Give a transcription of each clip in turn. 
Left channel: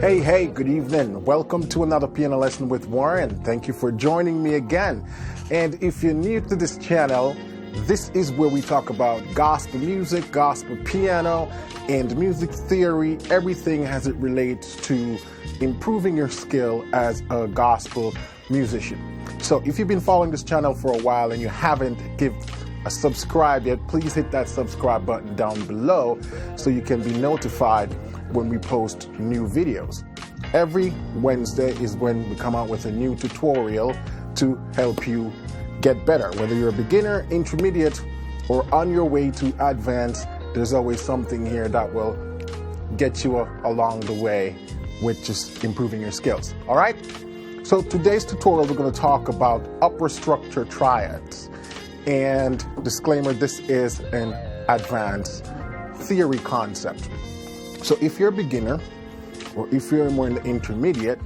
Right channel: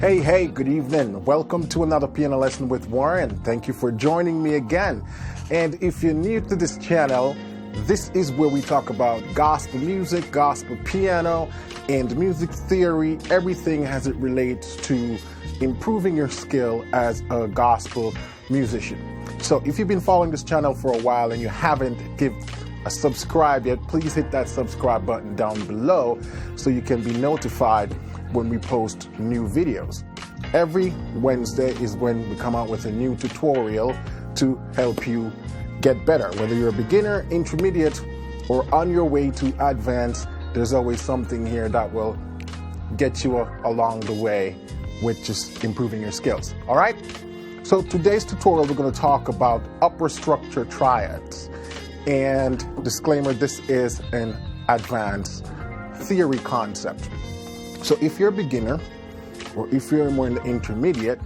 Hey, good evening. Welcome to another piano lesson with Warren. Thank you for joining me again. And if you're new to this channel, this is where we talk about gospel music, gospel piano, and music theory, everything as it relates to improving your skill as a gospel musician. So if you've been following this channel for a while and you haven't given a subscribe yet, please hit that subscribe button down below so you can be notified when we post new videos. Every Wednesday is when we come out with a new tutorial to help you get better. Whether you're a beginner, intermediate, or on your way to advanced, there's always something here that will get you along the way with just improving your skills. All right? So today's tutorial, we're going to talk about upper structure triads. And disclaimer, this is an advanced theory concept. So if you're a beginner, or if you're more in the intermediate,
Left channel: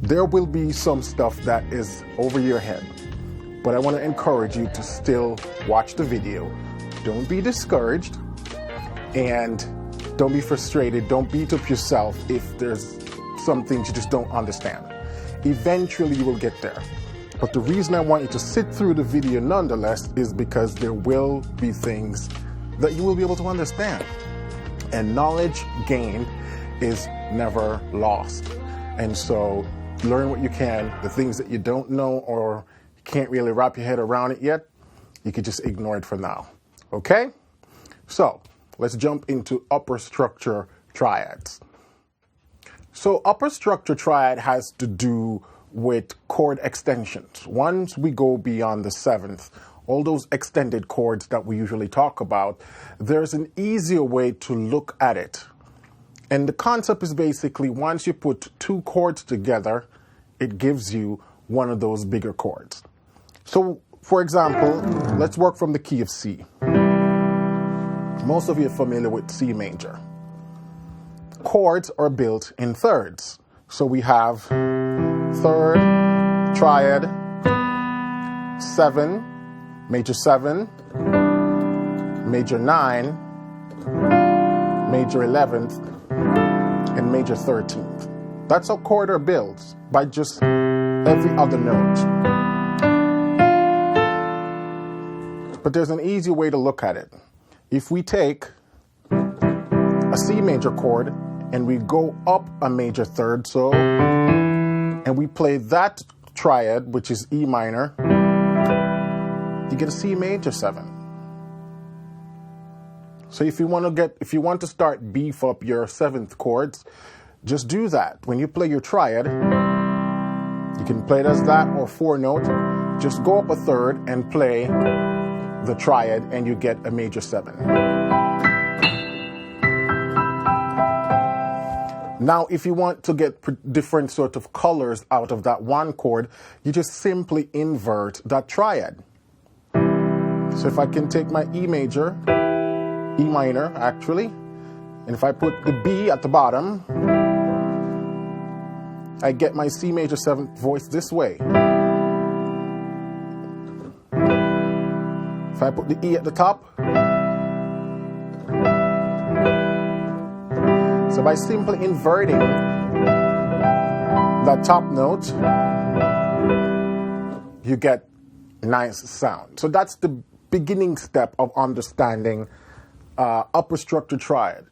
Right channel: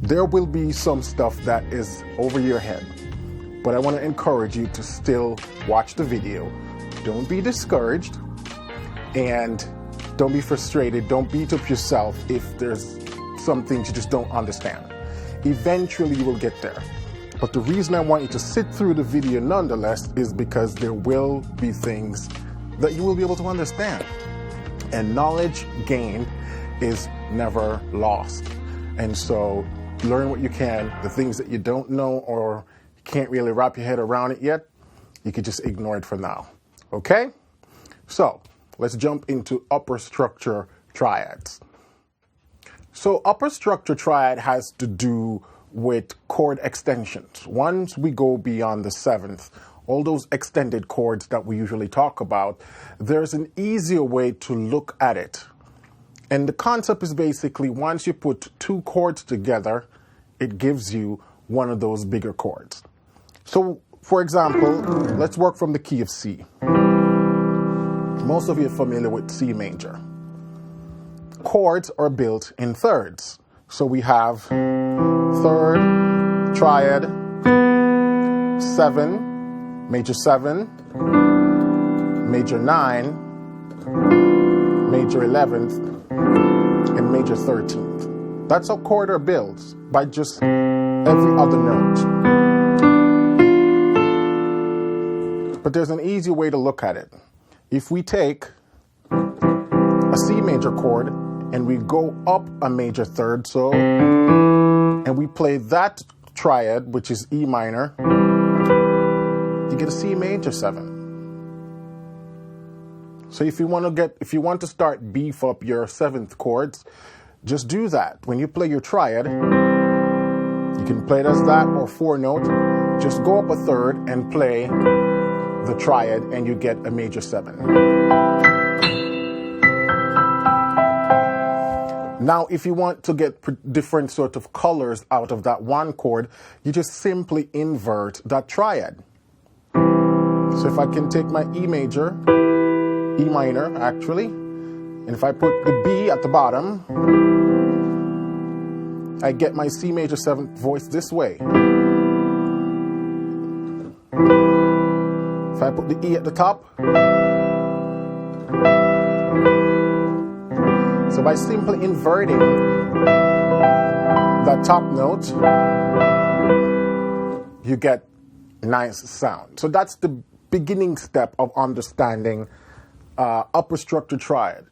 there will be some stuff that is over your head. But I want to encourage you to still watch the video. Don't be discouraged and don't be frustrated. Don't beat up yourself if there's some things you just don't understand. Eventually you will get there. But the reason I want you to sit through the video nonetheless is because there will be things that you will be able to understand. And knowledge gained is never lost. And so learn what you can. The things that you don't know or can't really wrap your head around it yet, you could just ignore it for now. Okay? So let's jump into upper structure triads. So upper structure triad has to do with chord extensions. Once we go beyond the seventh, all those extended chords that we usually talk about, there's an easier way to look at it. And the concept is basically once you put two chords together, it gives you one of those bigger chords. So, for example, let's work from the key of C. Most of you are familiar with C major. Chords are built in thirds. So we have third, triad, 7, major 7, major 9, major 11th, and major 13th. That's how chord are built, by just every other note. But there's an easy way to look at it. If we take a C major chord and we go up a major third, and we play that triad, which is E minor, you get a C major 7. So if you want to start beef up your seventh chords, just do that. When you play your triad, you can play it as that or 4-note. Just go up a third and play the triad and you get a major 7. Now, if you want to get different sort of colors out of that one chord, you just simply invert that triad. So if I can take my E major, E minor actually, and if I put the B at the bottom, I get my C major 7th voice this way. If I put the E at the top, so by simply inverting that top note, you get nice sound. So that's the beginning step of understanding upper structure triad,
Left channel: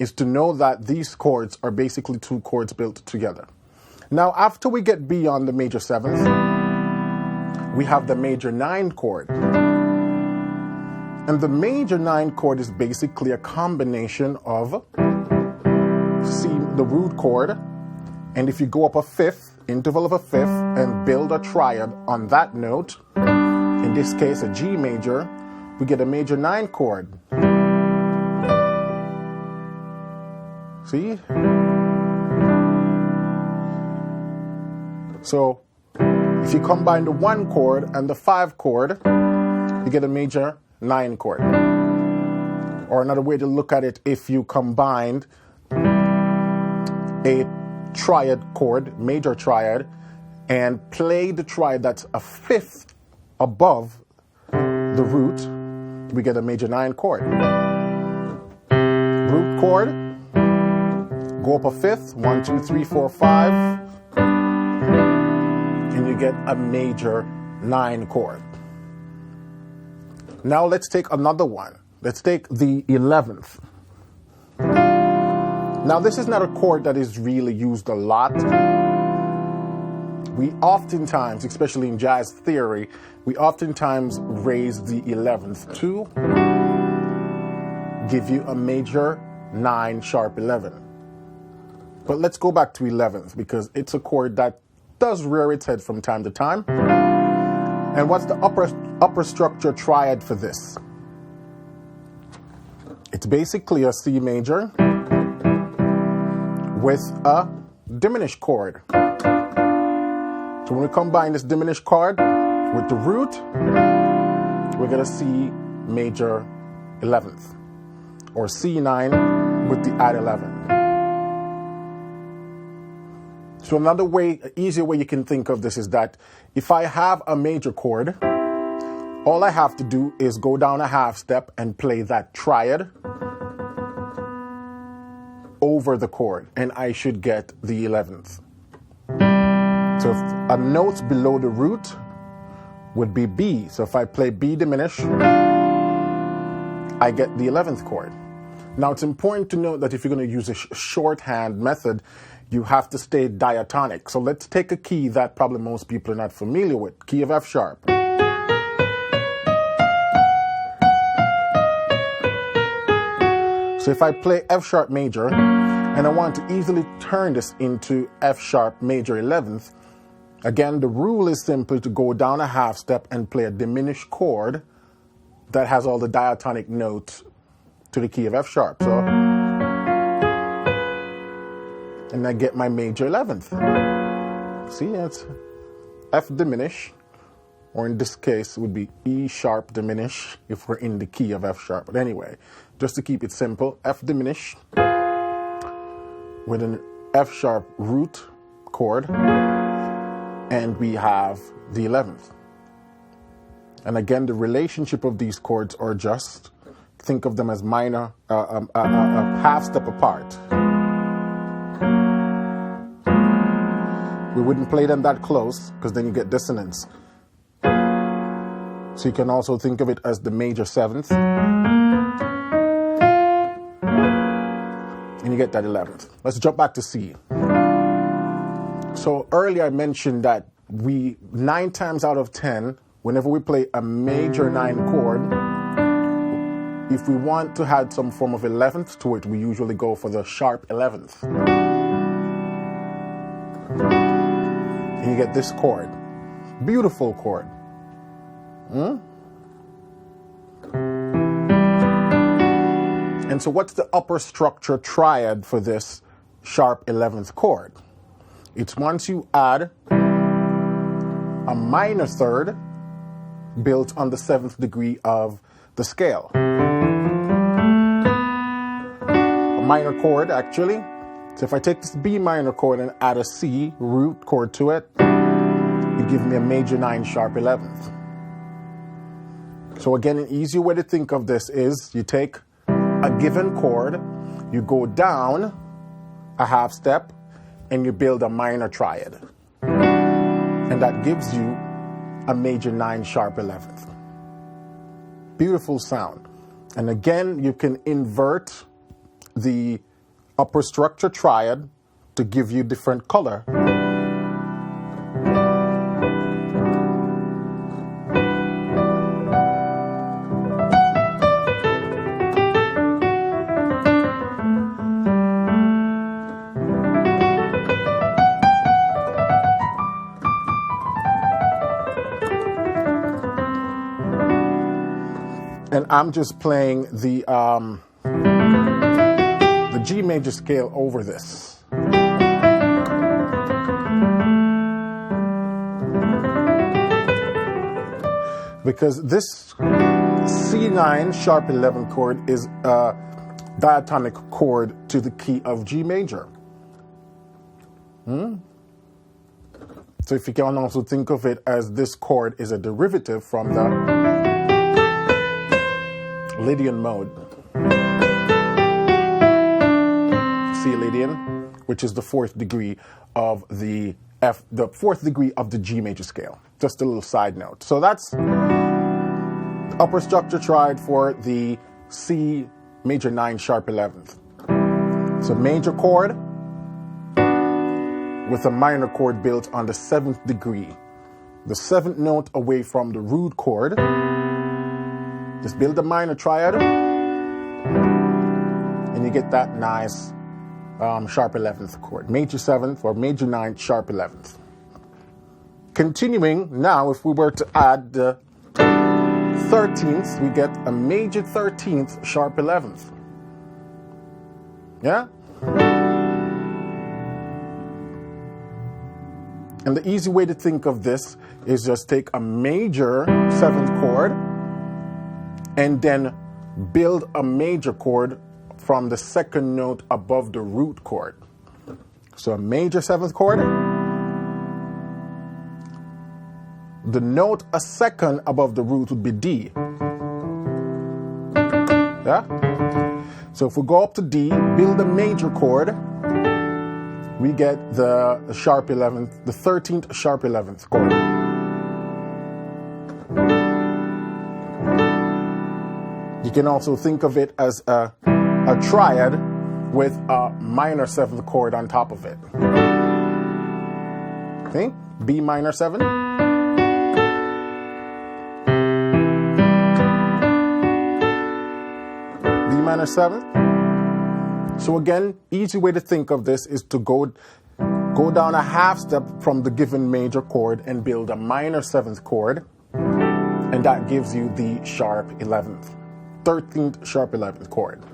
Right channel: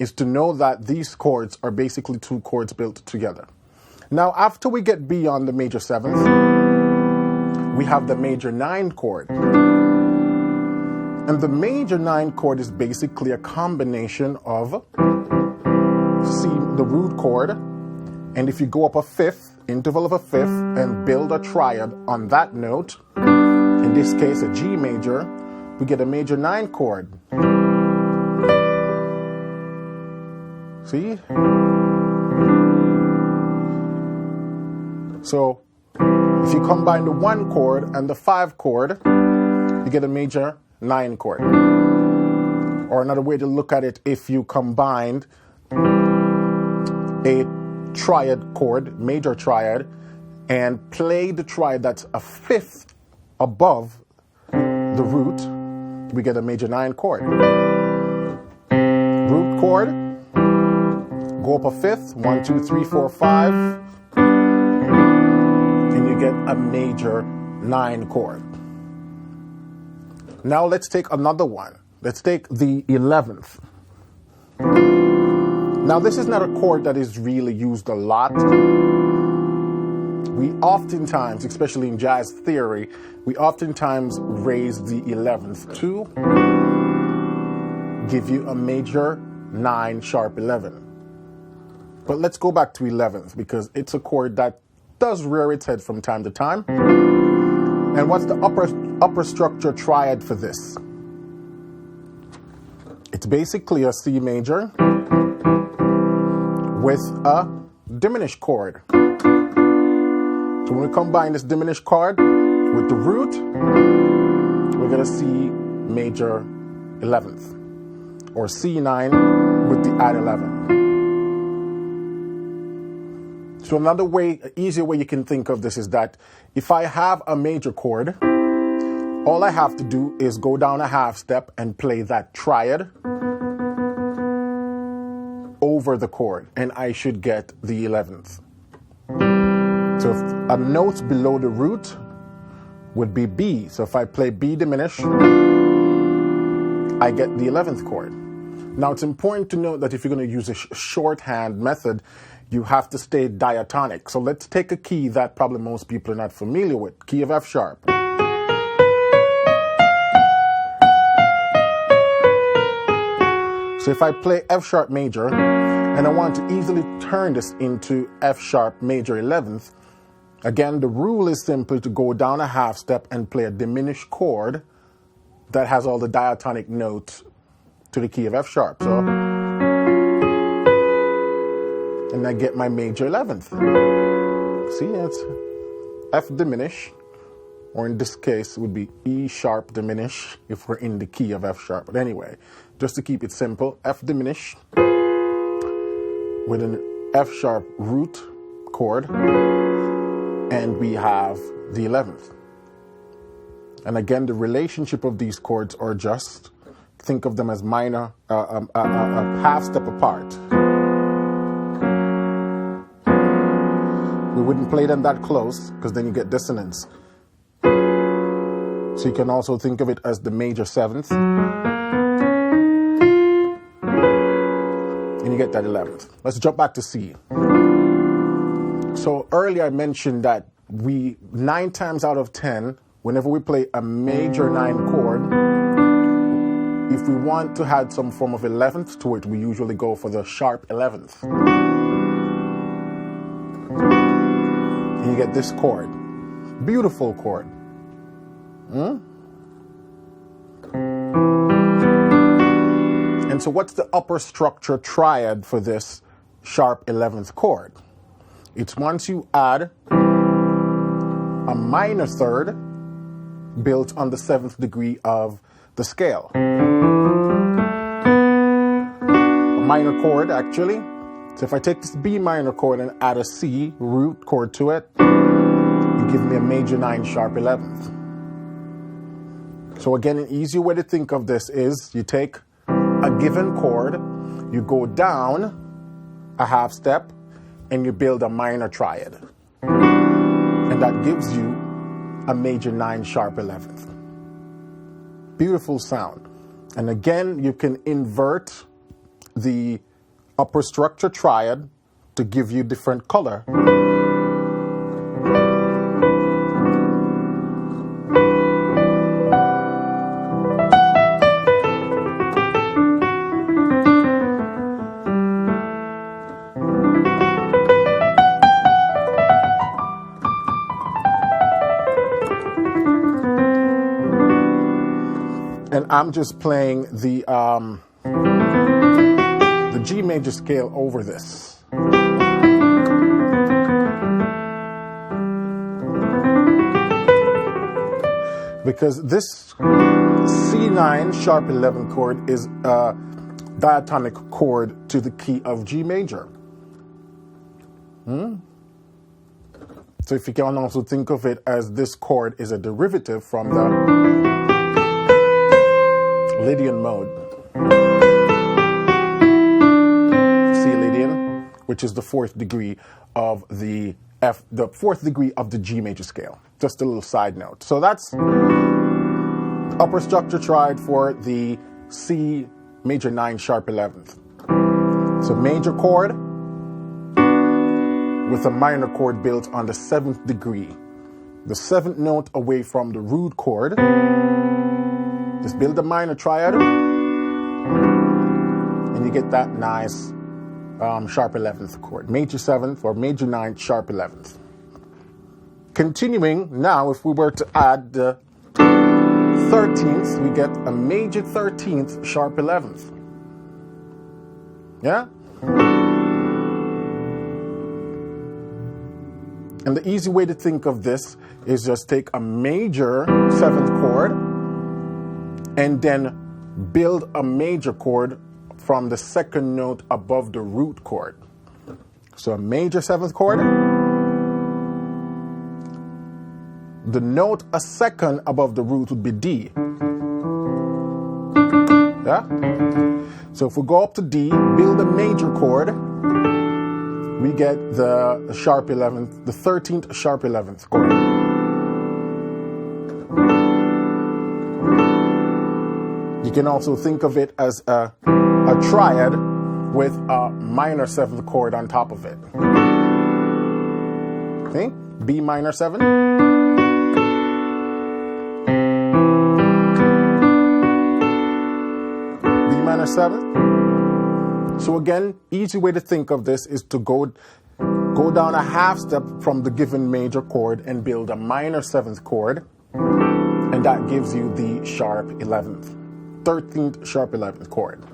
is to know that these chords are basically two chords built together. Now, after we get beyond the major 7th, we have the major 9 chord. And the major 9 chord is basically a combination of C, the root chord, and if you go up a 5th, interval of a 5th, and build a triad on that note, in this case a G major, we get a major 9 chord. See? So if you combine the 1 chord and the 5 chord, you get a major 9 chord. Or another way to look at it, if you combined a triad chord, major triad, and play the triad that's a 5th above the root, we get a major 9 chord. Root chord, Go up a fifth, 1, 2, 3, 4, 5, and you get a major 9 chord. Now let's take another one. Let's take the 11th. Now this is not a chord that is really used a lot. We oftentimes, especially in jazz theory, we oftentimes raise the 11th to give you a major 9 sharp 11. But let's go back to 11th because it's a chord that does rear its head from time to time. And what's the upper structure triad for this? It's basically a C major with a diminished chord. So when we combine this diminished chord with the root, we're going to see major 11th, or C9 with the add 11. So another way, an easier way you can think of this is that if I have a major chord, all I have to do is go down a half step and play that triad over the chord, and I should get the 11th. So if a note below the root would be B. So if I play B diminished, I get the 11th chord. Now it's important to note that if you're going to use a shorthand method, you have to stay diatonic. So let's take a key that probably most people are not familiar with, key of F sharp. So if I play F sharp major, and I want to easily turn this into F sharp major 11th, again, the rule is simply to go down a half step and play a diminished chord that has all the diatonic notes to the key of F sharp. So, and I get my major 11th. See, it's F diminished, or in this case, it would be E sharp diminished if we're in the key of F sharp. But anyway, just to keep it simple, F diminished with an F sharp root chord, and we have the 11th. And again, the relationship of these chords are just, think of them as minor, a half step apart. We wouldn't play them that close because then you get dissonance. So you can also think of it as the major 7th. And you get that 11th. Let's jump back to C. So earlier I mentioned that 9 times out of 10, whenever we play a major 9 chord, if we want to add some form of 11th to it, we usually go for the sharp 11th. And you get this chord. Beautiful chord. And so what's the upper structure triad for this sharp 11th chord? It's once you add a minor third built on the 7th degree of the scale. A minor chord, actually. So if I take this B minor chord and add a C root chord to it, you give me a major 9 sharp 11th. So again, an easier way to think of this is you take a given chord, you go down a half step, and you build a minor triad. And that gives you a major 9 sharp 11th. Beautiful sound. And again, you can invert the upper structure triad to give you different color. And I'm just playing the G major scale over this. Because this C9 sharp 11 chord is a diatonic chord to the key of G major. So if you can also think of it as this chord is a derivative from the Lydian mode. C Lydian. which is the fourth degree of the fourth degree of the G major scale. Just a little side note. So that's the upper structure triad for the C major 9 sharp 11th. So major chord with a minor chord built on the 7th degree. The 7th note away from the root chord. Just build a minor triad and you get that nice sharp 11th chord. Major 7th or major 9 sharp 11th. Continuing now, if we were to add the 13th, we get a major 13th sharp 11th. Yeah? And the easy way to think of this is just take a major 7th chord and then build a major chord from the 2nd note above the root chord. So a major 7th chord, the note a 2nd above the root would be D. Yeah? So if we go up to D, build a major chord, we get the sharp 11th, the 13th sharp 11th chord. You can also think of it as a triad with a minor 7th chord on top of it. Okay? B minor 7. B minor 7. So again, easy way to think of this is to go down a half step from the given major chord and build a minor 7th chord, and that gives you the sharp 11th, 13th sharp 11th chord.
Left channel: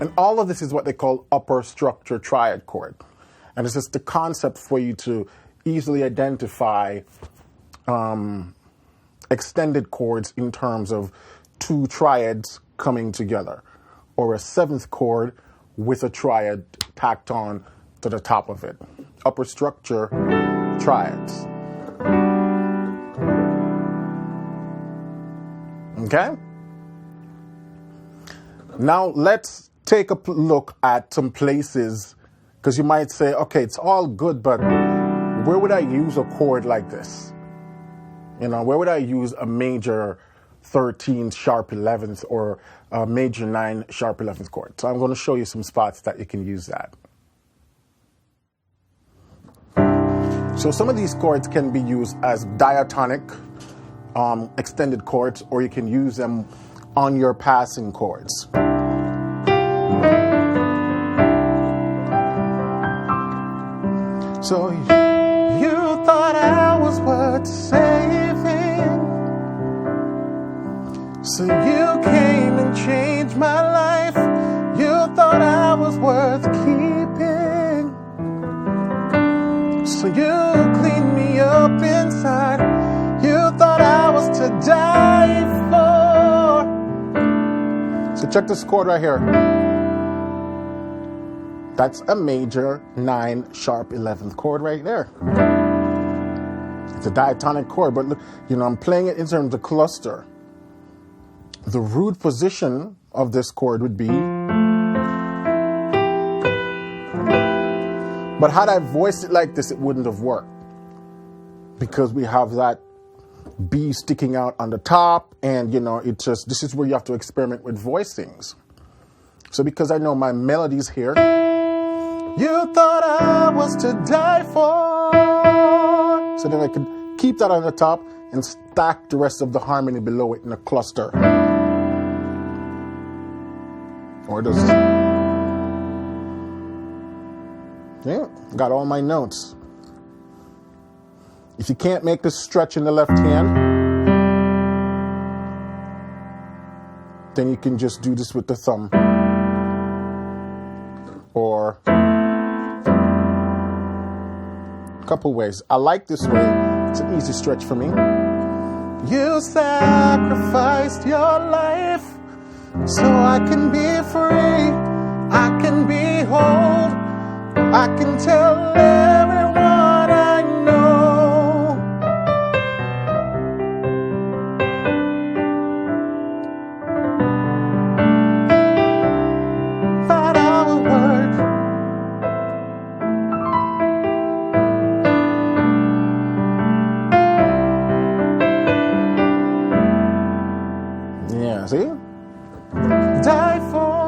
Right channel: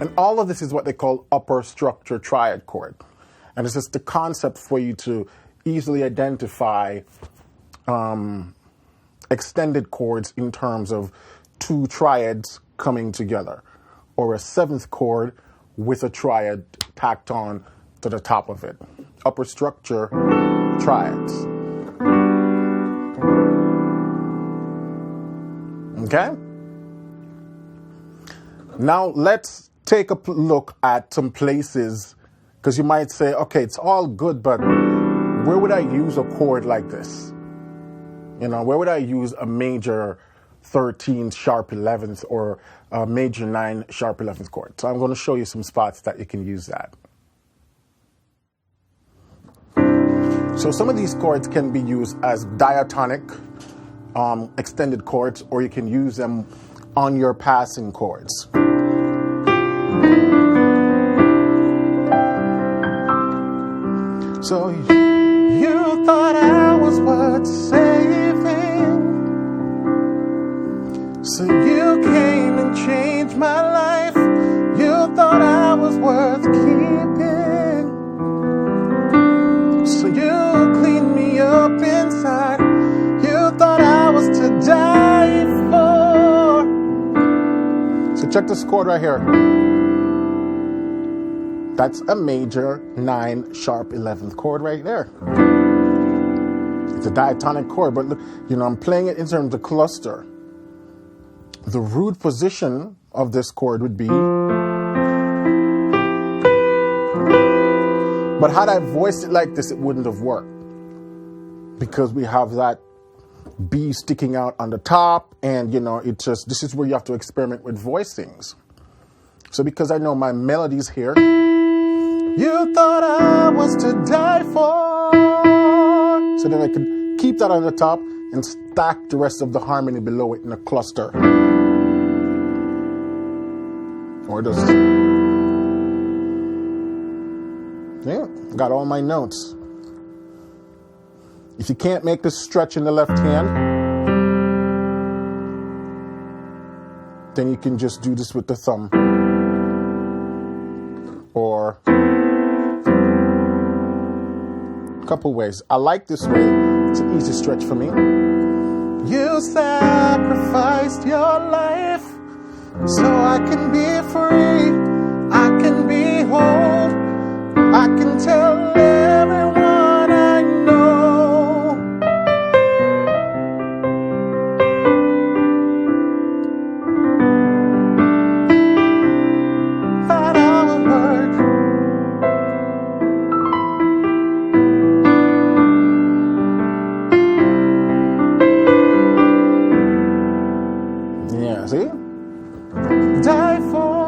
And all of this is what they call upper structure triad chord. And it's just the concept for you to easily identify extended chords in terms of 2 triads coming together, or a 7th chord with a triad tacked on to the top of it. Upper structure triads. Okay? Now let's take a look at some places, because you might say, okay, it's all good, but where would I use a chord like this? You know, where would I use a major 13th sharp 11th or a major 9 sharp 11th chord? So I'm going to show you some spots that you can use that. So some of these chords can be used as diatonic extended chords, or you can use them on your passing chords. So you thought I was worth saving, so you came and changed my life. You thought I was worth keeping, so you cleaned me up inside. You thought I was to die for. So check this chord right here. That's a major 9 sharp 11th chord right there. It's a diatonic chord, but look, you know, I'm playing it in terms of cluster. The root position of this chord would be, but had I voiced it like this, it wouldn't have worked, because we have that B sticking out on the top, and you know, it just, this is where you have to experiment with voicings. So because I know my melodies here, you thought I was to die for, so then I could keep that on the top and stack the rest of the harmony below it in a cluster. Or just, yeah, got all my notes. If you can't make this stretch in the left hand, then you can just do this with the thumb. Or a couple ways. I like this way. It's an easy stretch for me. You sacrificed your life so I can be free. I can be whole. I can tell everyone I know. Yeah, see? Die for.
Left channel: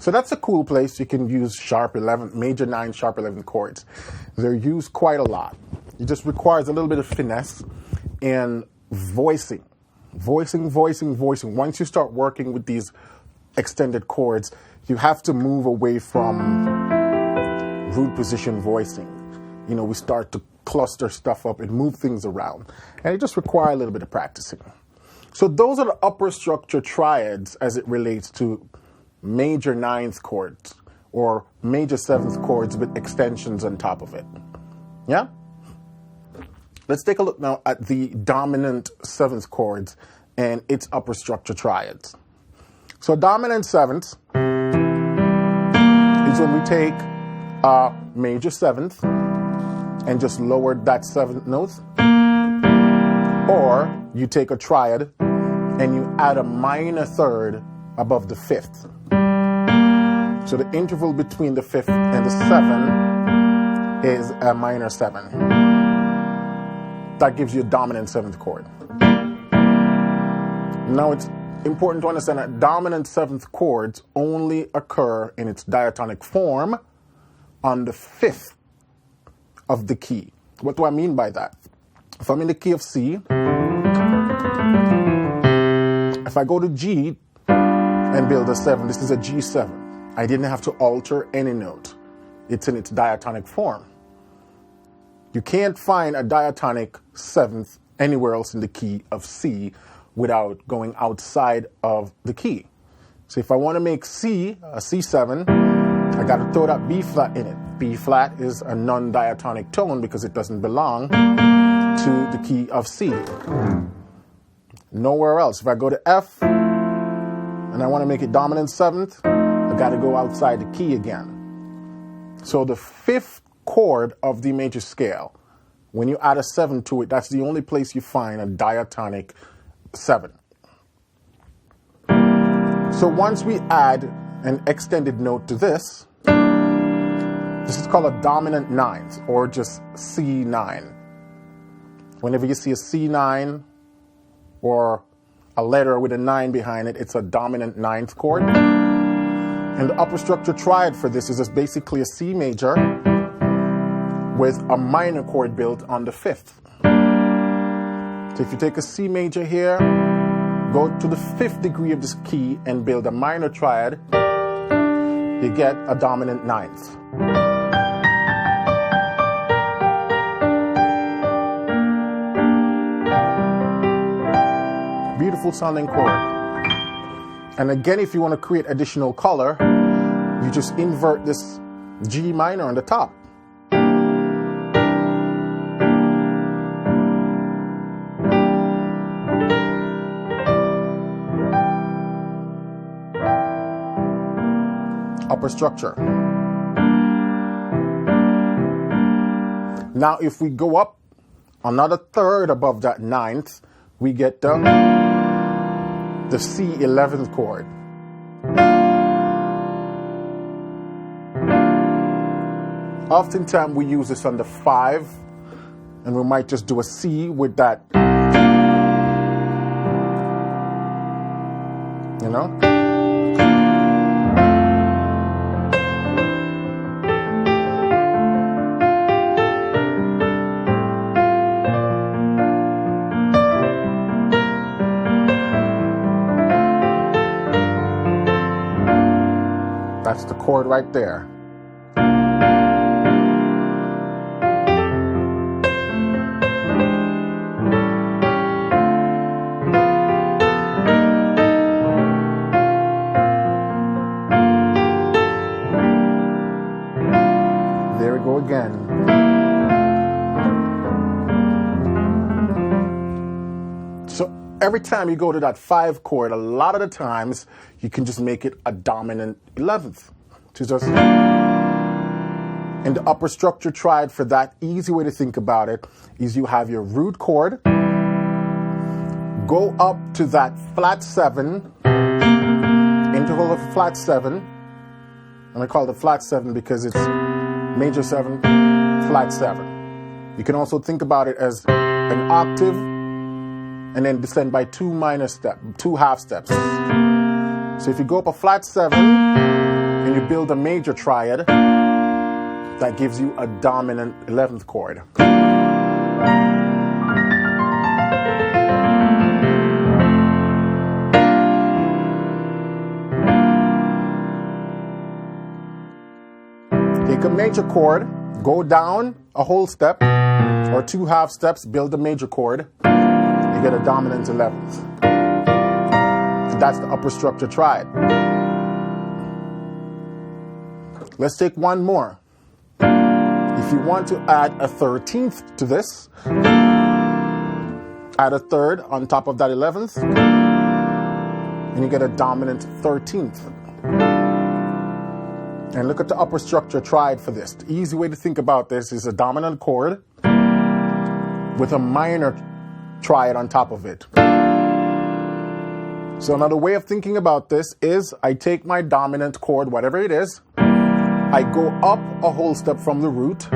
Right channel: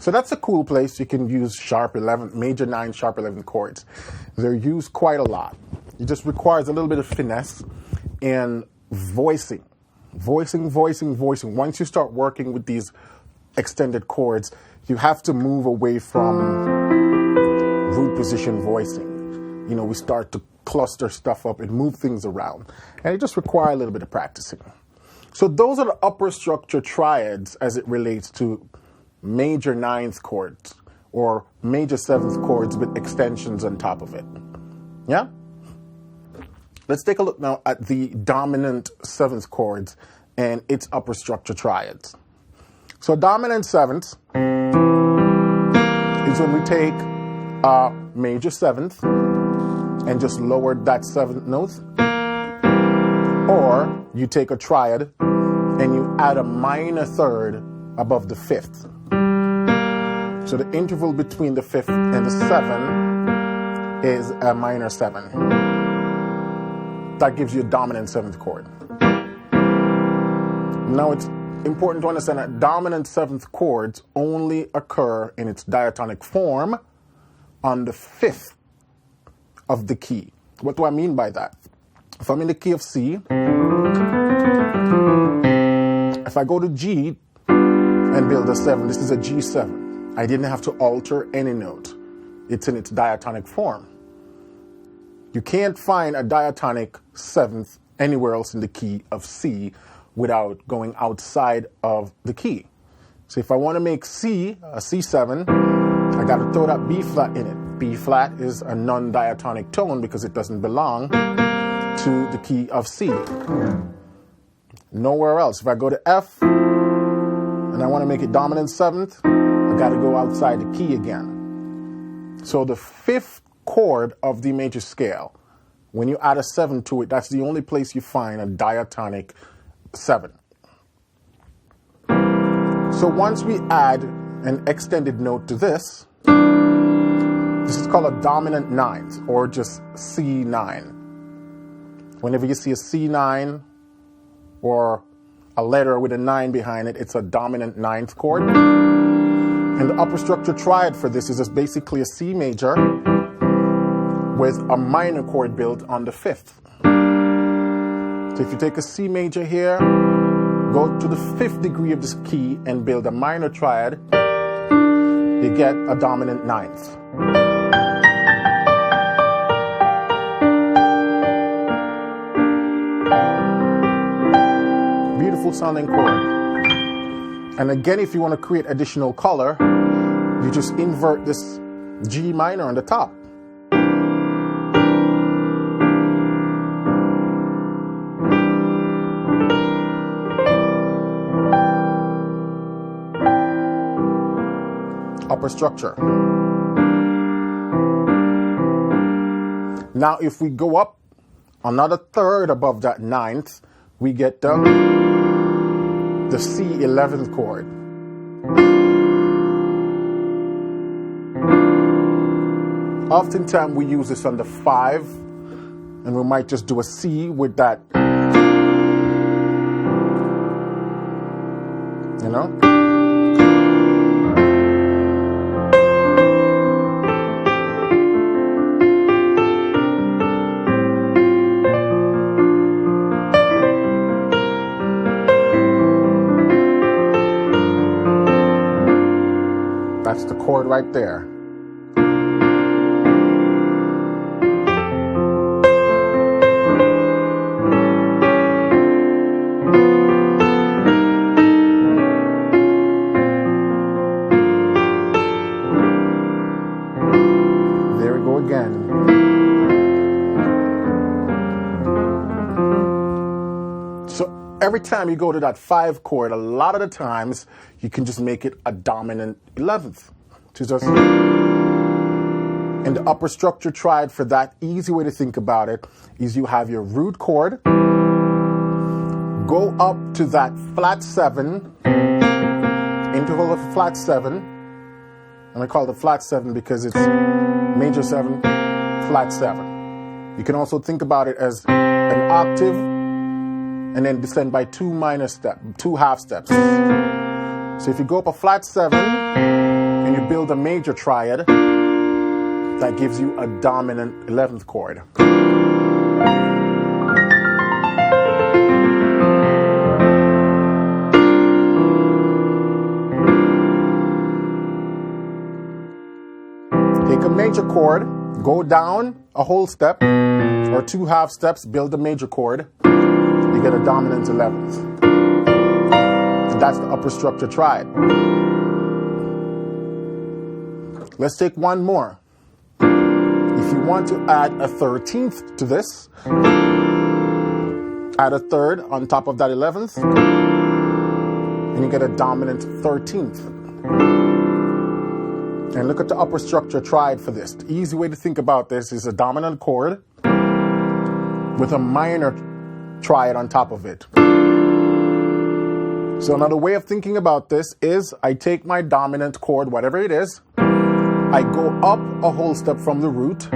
So that's a cool place. You can use sharp 11, major 9, sharp 11 chords. They're used quite a lot. It just requires a little bit of finesse and voicing. Voicing. Once you start working with these extended chords, you have to move away from root position voicing. You know, we start to cluster stuff up and move things around. And it just requires a little bit of practicing. So those are the upper structure triads as it relates to major 9th chords or major 7th chords with extensions on top of it. Yeah? Let's take a look now at the dominant 7th chords and its upper structure triads. So dominant 7th is when we take a major 7th and just lower that 7th note, or you take a triad and you add a minor 3rd above the 5th. So the interval between the 5th and the 7th is a minor 7. That gives you a dominant 7th chord. Now it's important to understand that dominant 7th chords only occur in its diatonic form on the 5th of the key. What do I mean by that? If I'm in the key of C, if I go to G and build a 7, this is a G7. I didn't have to alter any note. It's in its diatonic form. You can't find a diatonic 7th anywhere else in the key of C without going outside of the key. So if I want to make C a C7, I got to throw that B flat in it. B flat is a non-diatonic tone because it doesn't belong to the key of C. Nowhere else. If I go to F and I want to make it dominant 7th, I got to go outside the key again. So the 5th chord of the major scale, when you add a 7 to it, that's the only place you find a diatonic 7. So once we add an extended note to this is called a dominant 9th, or just C9. Whenever you see a C9 or a letter with a 9 behind it, it's a dominant 9th chord. And the upper structure triad for this is just basically a C major with a minor chord built on the 5th. So if you take a C major here, go to the 5th degree of this key and build a minor triad, you get a dominant 9th. Beautiful sounding chord. And again, if you want to create additional color, you just invert this G minor on the top. Upper structure. Now, if we go up another 3rd above that 9th, we get the C11th chord. Oftentimes we use this on the 5, and we might just do a C with that, you know? That's the chord right there. There we go again. So every time you go to that 5 chord, a lot of the times you can just make it a dominant 11th. To just in the upper structure triad, for that, easy way to think about it is you have your root chord, go up to that flat 7, to hold a flat 7, and I call it flat 7 because it's major 7, flat 7. You can also think about it as an octave and then descend by 2 half steps. So if you go up a flat 7 and you build a major triad, that gives you a dominant 11th chord. Take a major chord, go down a whole step or 2 half steps, build a major chord, you get a dominant 11th. And that's the upper structure triad. Let's take one more. If you want to add a 13th to this, add a third on top of that 11th, and you get a dominant 13th. And look at the upper structure triad for this. The easy way to think about this is a dominant chord with a minor triad on top of it. So another way of thinking about this is I take my dominant chord, whatever it is, I go up a whole step from the root,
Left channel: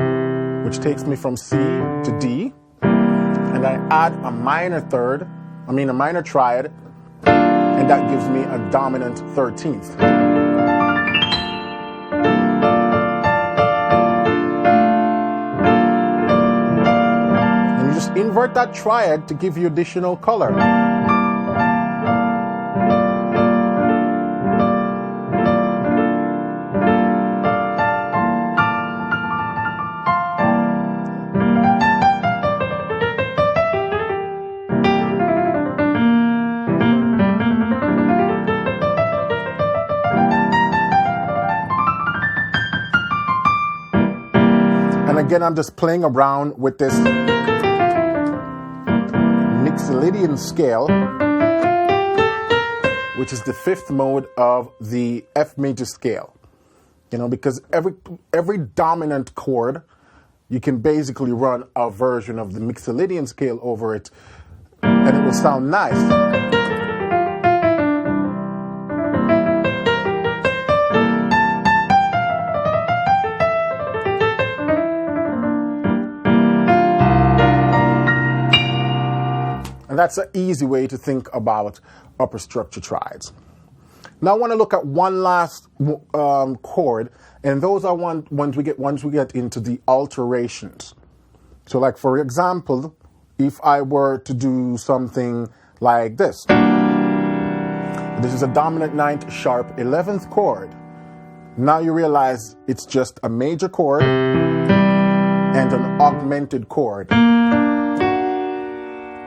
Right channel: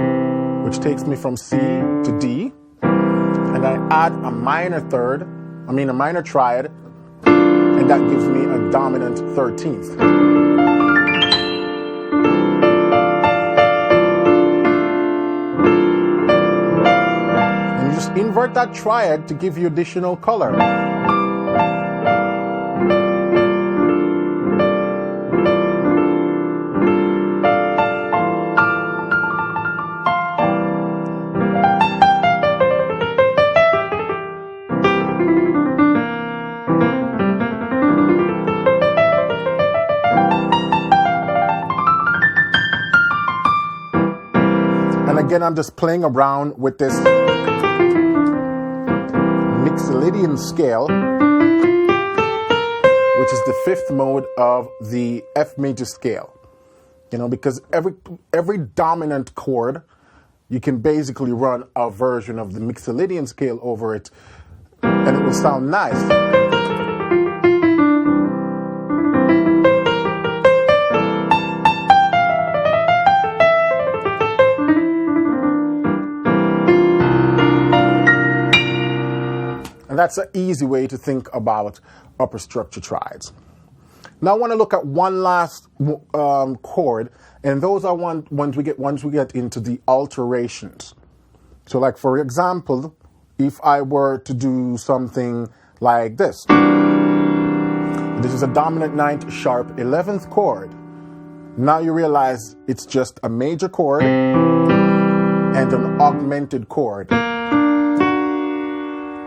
which takes me from C to D, and I add a minor triad, and that gives me a dominant 13th. And you just invert that triad to give you additional color. And again, I'm just playing around with this Mixolydian scale, which is the 5th mode of the F major scale. You know, because every dominant chord, you can basically run a version of the Mixolydian scale over it, and it will sound nice. And that's an easy way to think about upper structure triads. Now I want to look at one last chord, and those are once we get into the alterations. So like for example, if I were to do something like this. This is a dominant 9th sharp 11th chord. Now you realize it's just a major chord and an augmented chord.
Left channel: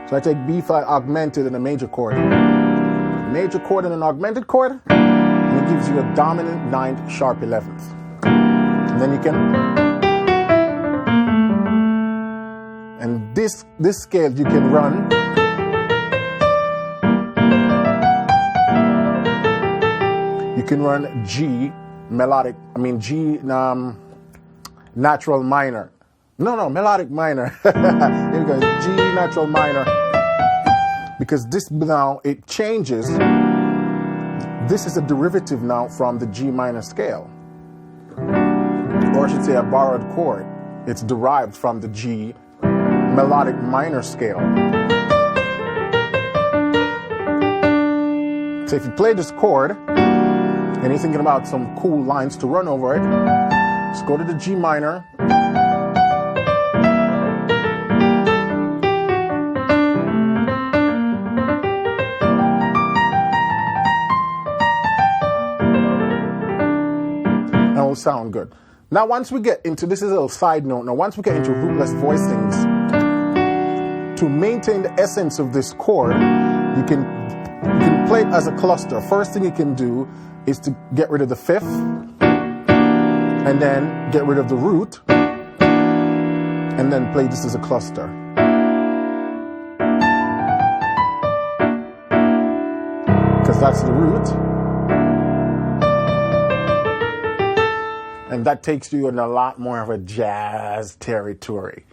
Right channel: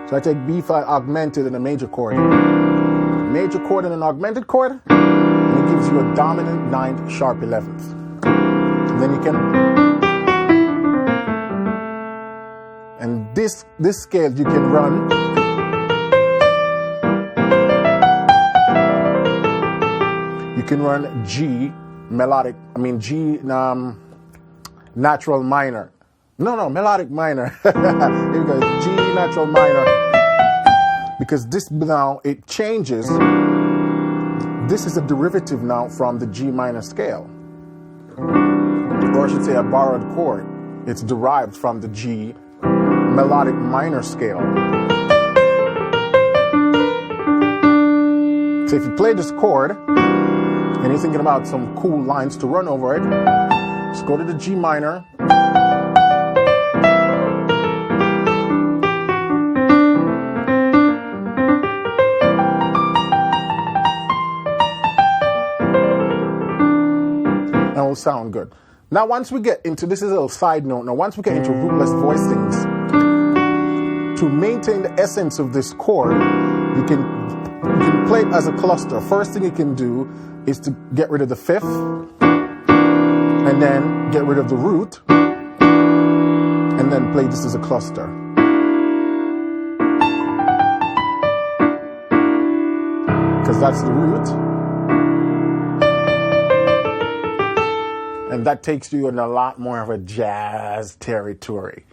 So I take B flat augmented and a major chord. Major chord and an augmented chord, and it gives you a dominant 9th sharp 11th. And then you can, and this scale you can run G melodic, G natural minor. No, melodic minor. Here we go, G natural minor. Because this now, it changes. This is a derivative now from the G minor scale. Or I should say a borrowed chord. It's derived from the G melodic minor scale. So if you play this chord, and you're thinking about some cool lines to run over it, just go to the G minor, and it will sound good. Now once we get into, this is a little side note, now once we get into rootless voicings, to maintain the essence of this chord, you can play it as a cluster. First thing you can do is to get rid of the 5th, and then get rid of the root, and then play this as a cluster. Because that's the root. And that takes you in a lot more of a jazz territory.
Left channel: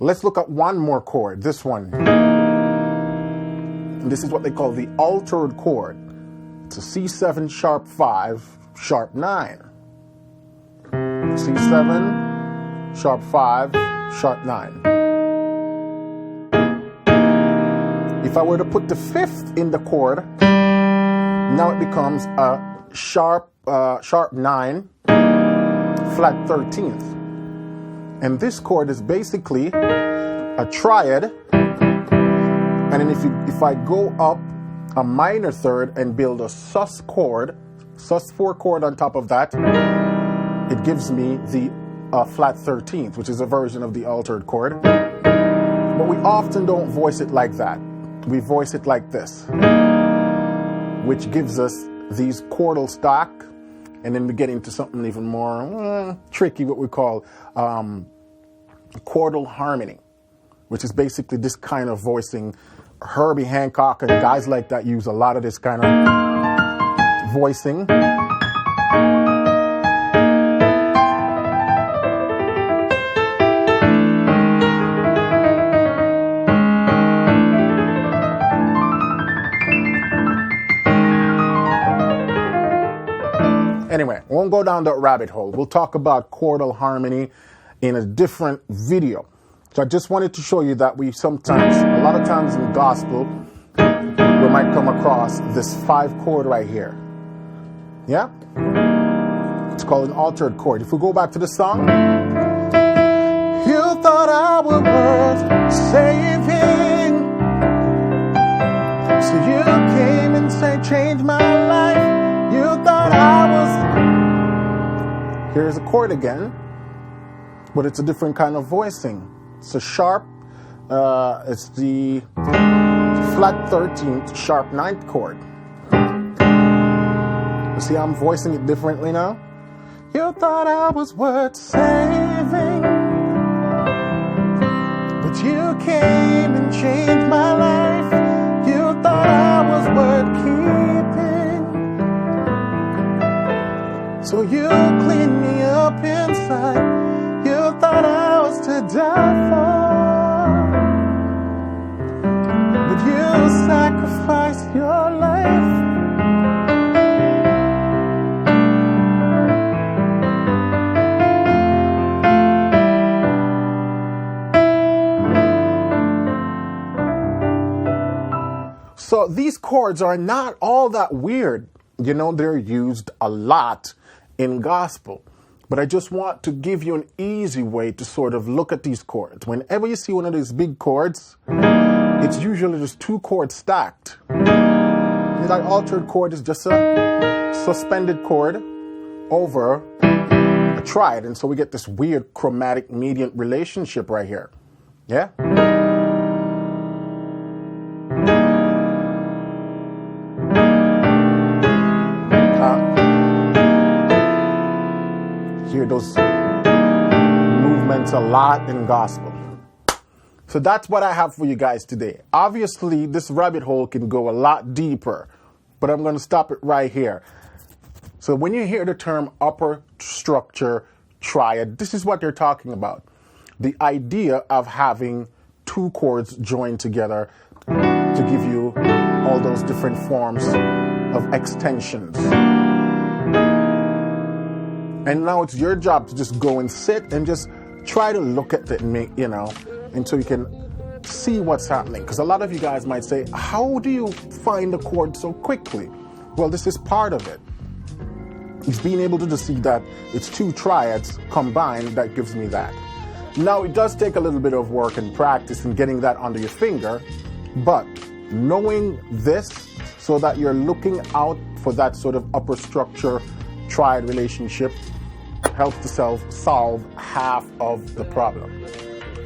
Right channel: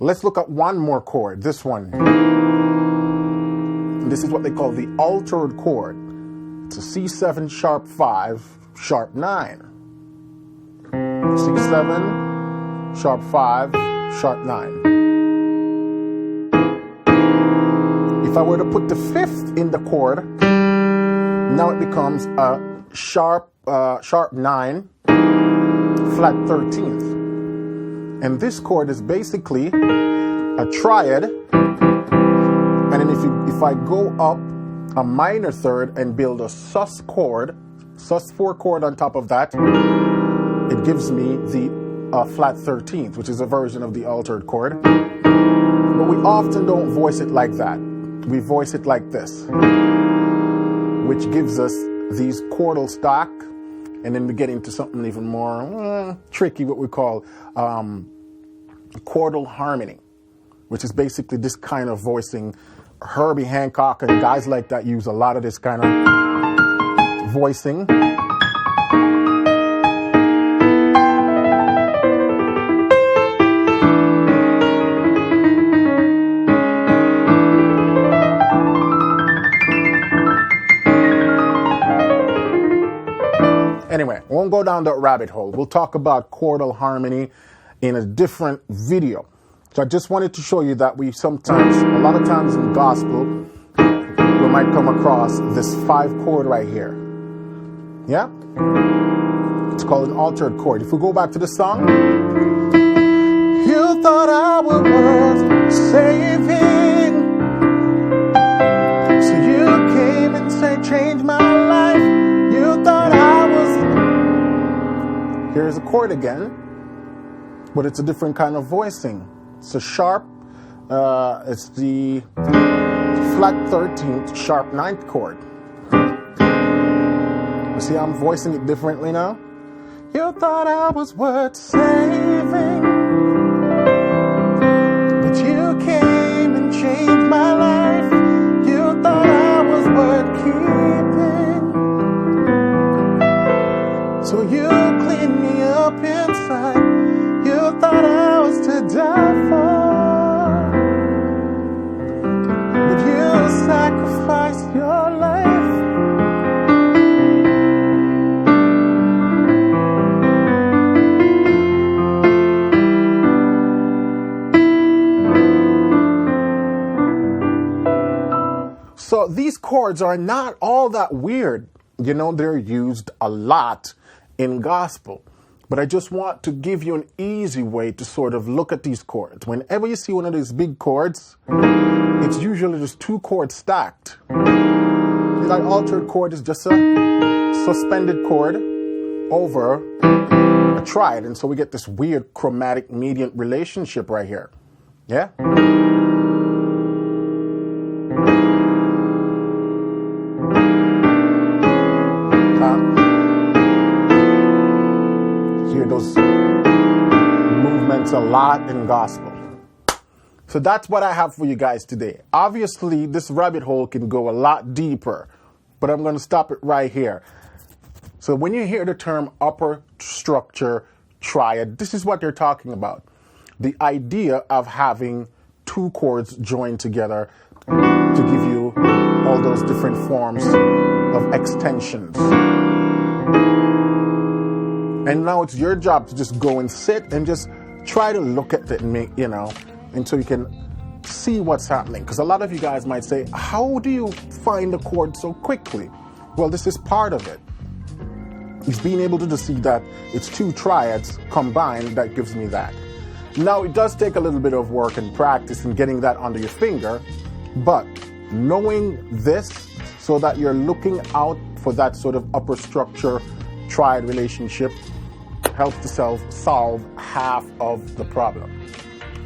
Let's look at one more chord, this one. This is what they call the altered chord. So C7, sharp 5, sharp 9. C7, sharp 5, sharp 9. If I were to put the 5th in the chord, now it becomes a sharp 9, flat 13th. And this chord is basically a triad. And then if I go up a minor third and build a sus chord, sus4 chord on top of that, it gives me the flat 13th, which is a version of the altered chord. But we often don't voice it like that. We voice it like this, which gives us these chordal stack, and then we get into something even more tricky, what we call chordal harmony, which is basically this kind of voicing. Herbie Hancock and guys like that use a lot of this kind of voicing. Anyway, we won't go down that rabbit hole. We'll talk about chordal harmony in a different video. So I just wanted to show you that a lot of times in gospel, we might come across this 5 chord right here. Yeah? It's called an altered chord. If we go back to the song. You thought I was worth saving, so you came and said, change my life. You thought I was... Here's a chord again, but it's a different kind of voicing. It's a sharp, it's the flat 13th, sharp 9th chord. You see how I'm voicing it differently now? You thought I was worth saving, but you came and changed my life. You thought I was worth keeping, so you cleaned me up inside. You thought I was to die for, but you sacrificed your life. So these chords are not all that weird. You know, they're used a lot in gospel. But I just want to give you an easy way to sort of look at these chords. Whenever you see one of these big chords, it's usually just 2 chords stacked. That altered chord is just a suspended chord over a triad. And so we get this weird chromatic mediant relationship right here. Yeah? Hear those movements a lot in gospel. So that's what I have for you guys today. Obviously, this rabbit hole can go a lot deeper, but I'm going to stop it right here. So when you hear the term upper structure triad, this is what they're talking about. The idea of having 2 chords joined together to give you all those different forms of extensions. And now it's your job to just go and sit and just try to look at it and make, until you can see what's happening. Because a lot of you guys might say, how do you find the chord so quickly? Well, this is part of it. It's being able to just see that it's 2 triads combined that gives me that. Now, it does take a little bit of work and practice in getting that under your finger, but knowing this so that you're looking out for that sort of upper structure triad relationship helps to solve half of the problem.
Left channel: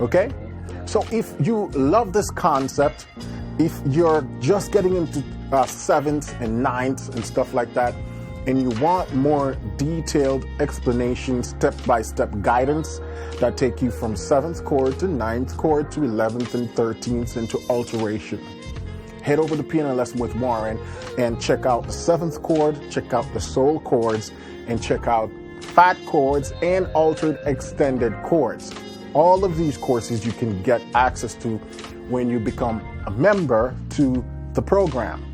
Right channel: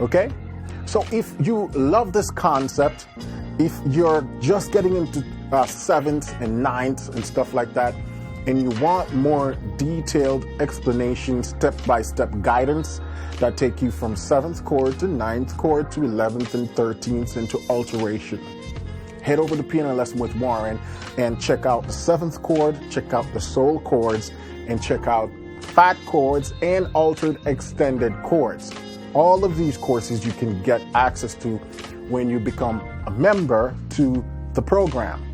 Okay? So if you love this concept, if you're just getting into 7th and 9th and stuff like that, and you want more detailed explanation, step-by-step guidance that take you from 7th chord to 9th chord to 11th and 13th into alteration, head over to Piano Lesson with Warren and check out the 7th chord, check out the soul chords, and check out fat chords and altered extended chords. All of these courses you can get access to when you become a member to the program.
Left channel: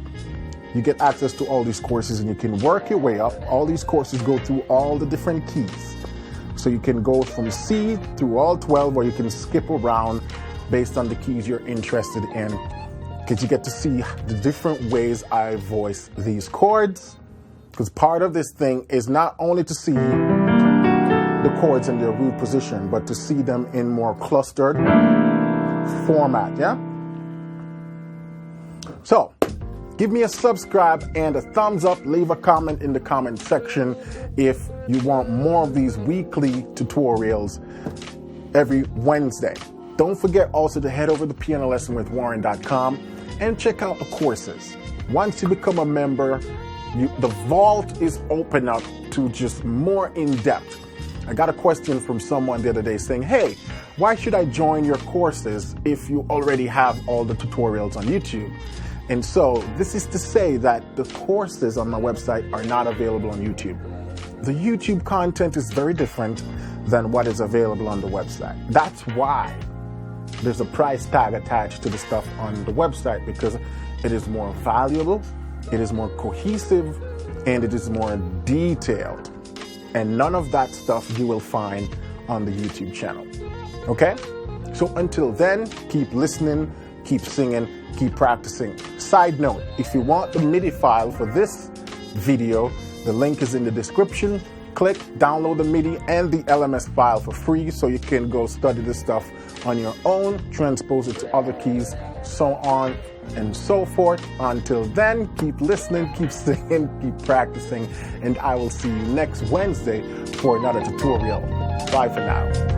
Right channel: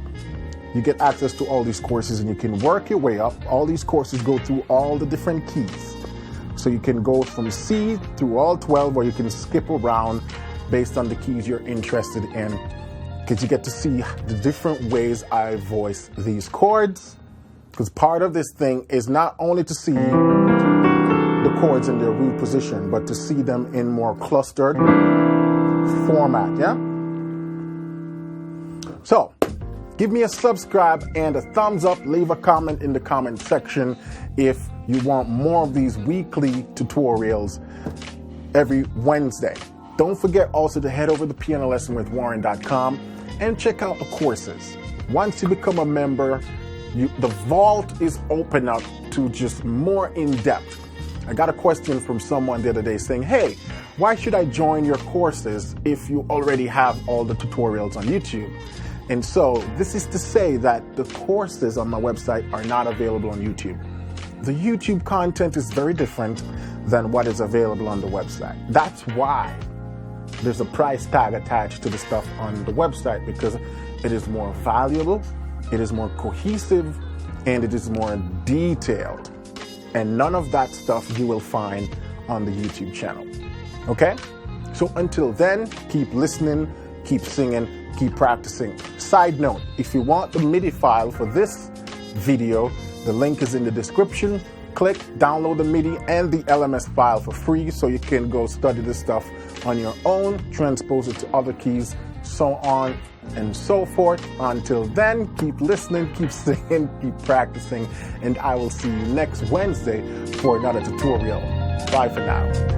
you get access to all these courses and you can work your way up. All these courses go through all the different keys. So you can go from C through all 12, or you can skip around based on the keys you're interested in, because you get to see the different ways I voice these chords. Because part of this thing is not only to see the chords in their root position, but to see them in more clustered format, yeah? So, give me a subscribe and a thumbs up. Leave a comment in the comment section if you want more of these weekly tutorials every Wednesday. Don't forget also to head over to pianolessonwithwarren.com and check out the courses. Once you become a member, the vault is open up to just more in-depth. I got a question from someone the other day saying, hey, why should I join your courses if you already have all the tutorials on YouTube? And so this is to say that the courses on my website are not available on YouTube. The YouTube content is very different than what is available on the website. That's why there's a price tag attached to the stuff on the website, because it is more valuable, it is more cohesive, and it is more detailed. And none of that stuff you will find on the YouTube channel. Okay? So until then, keep listening, keep singing, keep practicing. Side note, if you want the MIDI file for this video, the link is in the description. Click, download the MIDI and the LMS file for free so you can go study this stuff on your own, transpose it to other keys, so on and so forth. Until then, keep listening, keep singing, keep practicing, and I will see you next Wednesday for another tutorial. Bye for now.